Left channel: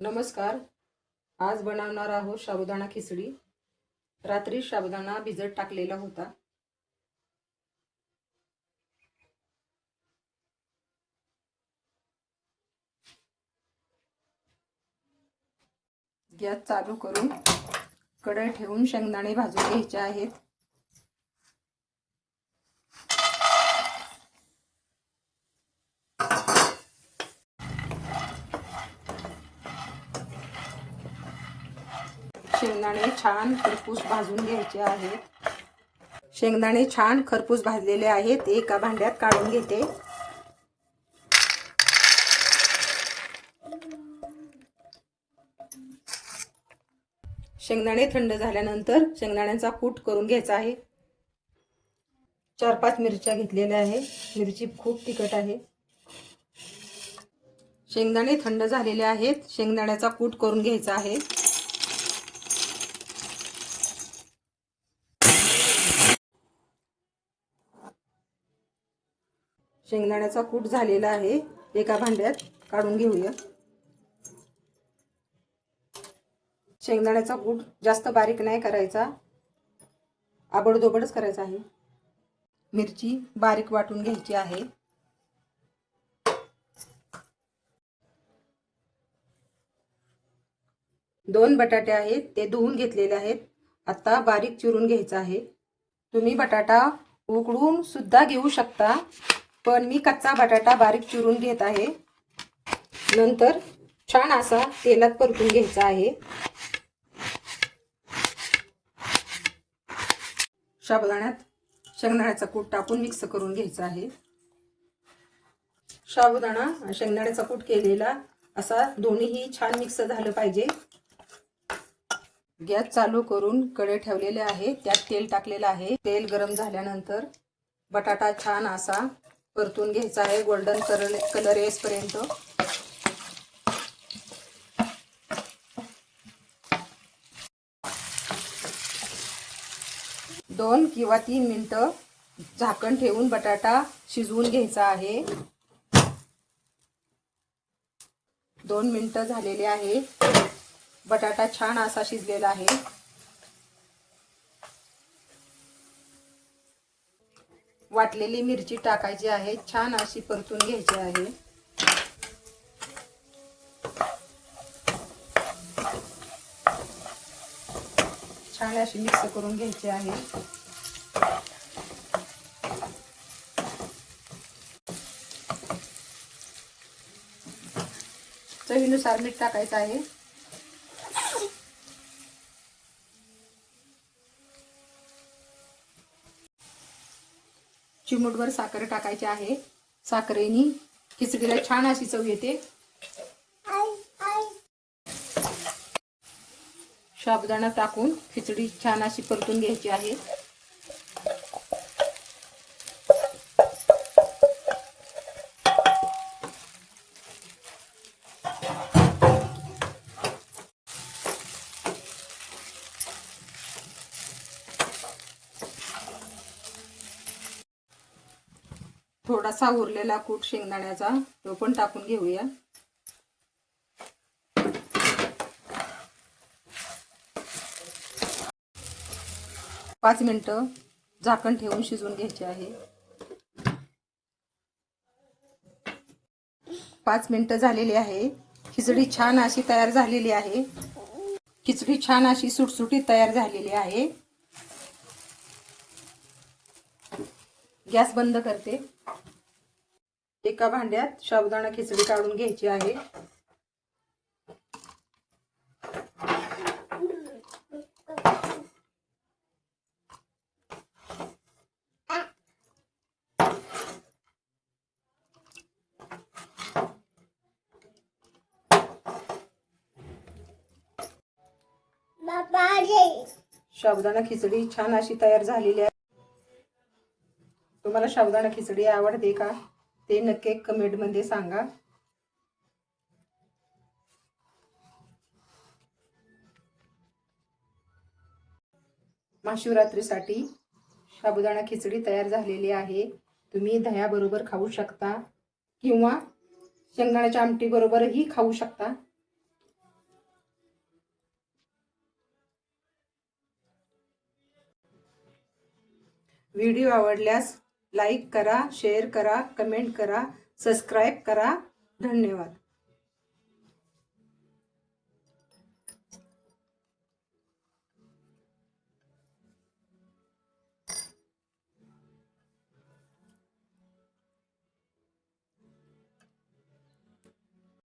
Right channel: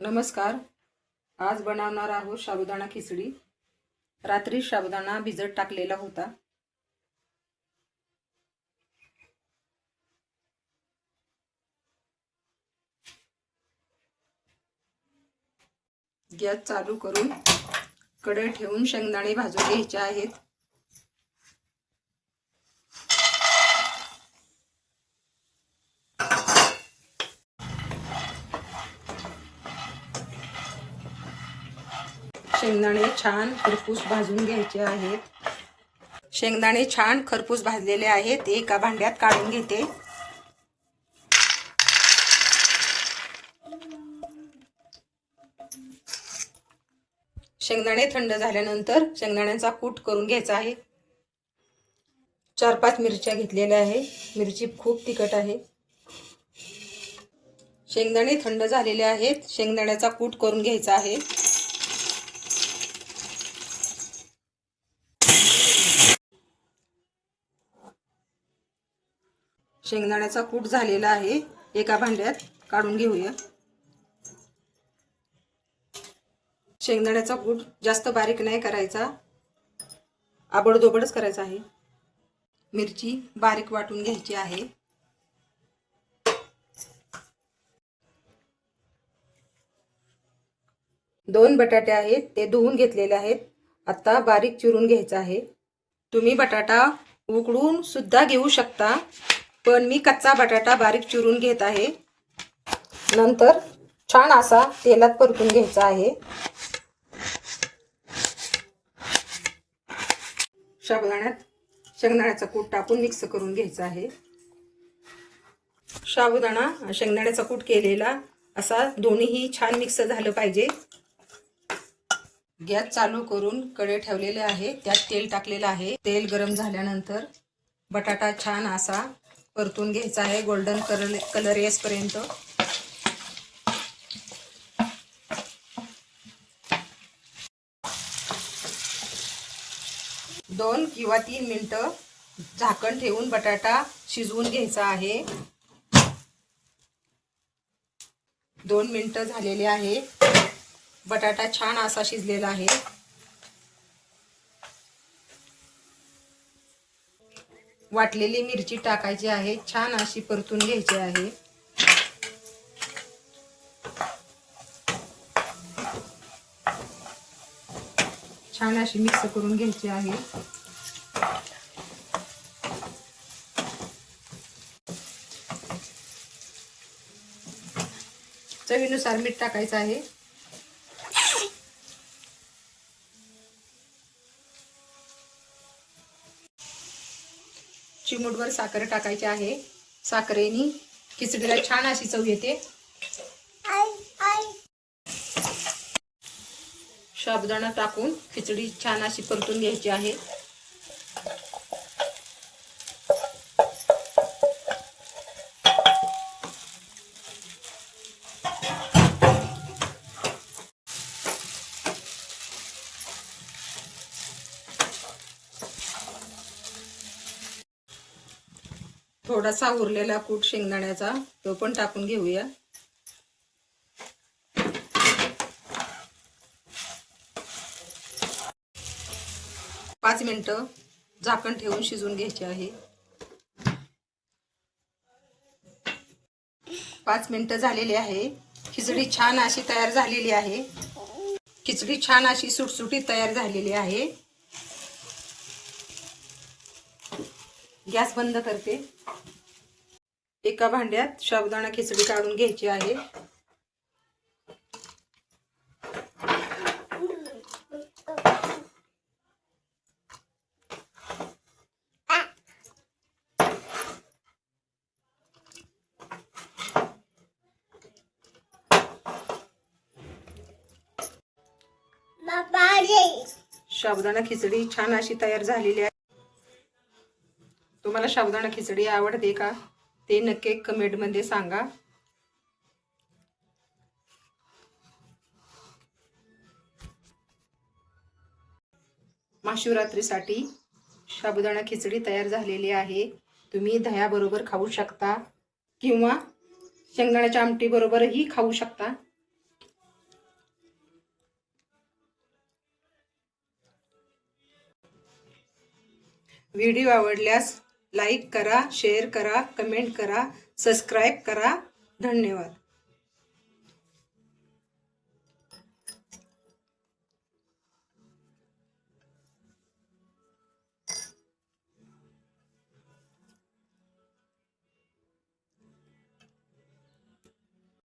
नमस्कार. आज बनवणार आहोत साबुदाणा खिचडी. रात्री साबुदाणा भिजत टाकलेला होता. गॅस चालू करून कढई ठेवून शेंगदाणे भाजून घ्यायचे आहेत. शेंगदाणे छान खरपूस भाजून घ्यायचे आहेत. शेंगदाणे छान खरपूस भाजलेले आहेत. एका भांड्यात काढून घेते. शेंगदाणे थंड झाल्यानंतर शेंगदाण्याचा कूट करून घ्यायचा आहे. 4-5 मिरच्या घेतलेल्या आहे. मिरची खूप तिखट आहे. शेंगदाणे थंड झालेले आहेत. शेंगदाण्याचा कूट करून घ्यायचा आहे. शेंगदाण्याचा कूट झालेला आहे. एका भांड्यात काढून घेऊया. शेंगदाण्याचा कूट जास्त बारीक नाही करायचा, आबडधोबडच करायचा आहे. मिरची बारीक वाटून घ्यायची आहे. दोन बटाटे आहेत, ते धुवून घेतलेले आहेत. आता बारीक चिरून घ्यायचा आहे. तुम्ही बटाटा उकडून सुद्धा घेऊ शकता, पण मी कच्चा बटाटा बारीक चिरून घेत आहे. नंतर छान असा तेलात परतून घ्यायचा आहे. साबुदाण्यात शेंगदाण्याचा कूट टाकून मिक्स करून घ्यायचा आहे. साबुदाणा शेंगदाण्याचा कूट केलेला असा दोन्हीही छान मिक्स झालं पाहिजे. गॅस चालू करून कढई ठेवलेले आहे. त्यात तेल टाकलेलं आहे. तेल गरम झाल्यानंतर बटाटा छान असा परतून घ्यायचा आहे, गोल्डन कलर येईपर्यंत. दोन किंवा 3 मिनिटं झाकण ठेवून बटाटा शिजवून घ्यायचा आहे. 2 मिनिटं झालेले आहे. बटाटा छान असा शिजलेला आहे. वाटलेली मिरची टाकायची आहे. छान अशी परतून घ्यायची आहे. छान अशी मिक्स करून घ्यायची आहे. चवीनुसार मीठ टाकायचं आहे. चिमूटभर साखर टाकायची आहे. साखरेने खिचडीला छान अशी चव येते. साबुदाणा टाकून खिचडी छान अशी परतून घ्यायची आहे. थोडासा उरलेला कूट शेंगदाण्याचा तो पण टाकून घेऊया. पाच मिनिटं झाकण ठेवून शिजवून घ्यायचे आहे. 5 मिनिटं झालेली आहे. खिचडी छान अशी तयार झालेली आहे. खिचडी छान अशी सुटसुटीत तयार झालेली आहे. गॅस बंद करते. एका भांड्यात साबुदाणा खिचडी काढून घ्यायची आहे. साबुदाणा खिचडी छान अशी तयार झालेली आहे. तुम्हाला साबुदाणा खिचडी आवडते का ते नक्की कमेंट मध्ये सांगा. महाशिवरात्रीसाठी साबुदाणा खिचडी तयार झालेली आहे. तुम्ही दह्याबरोबर खाऊ शकता किंवा शेंगदाण्याच्या आमटी बरोबरही खाऊ शकता. व्हिडिओ आवडल्यास लाईक करा, शेअर करा, कमेंट करा, सबस्क्राईब करा. धन्यवाद.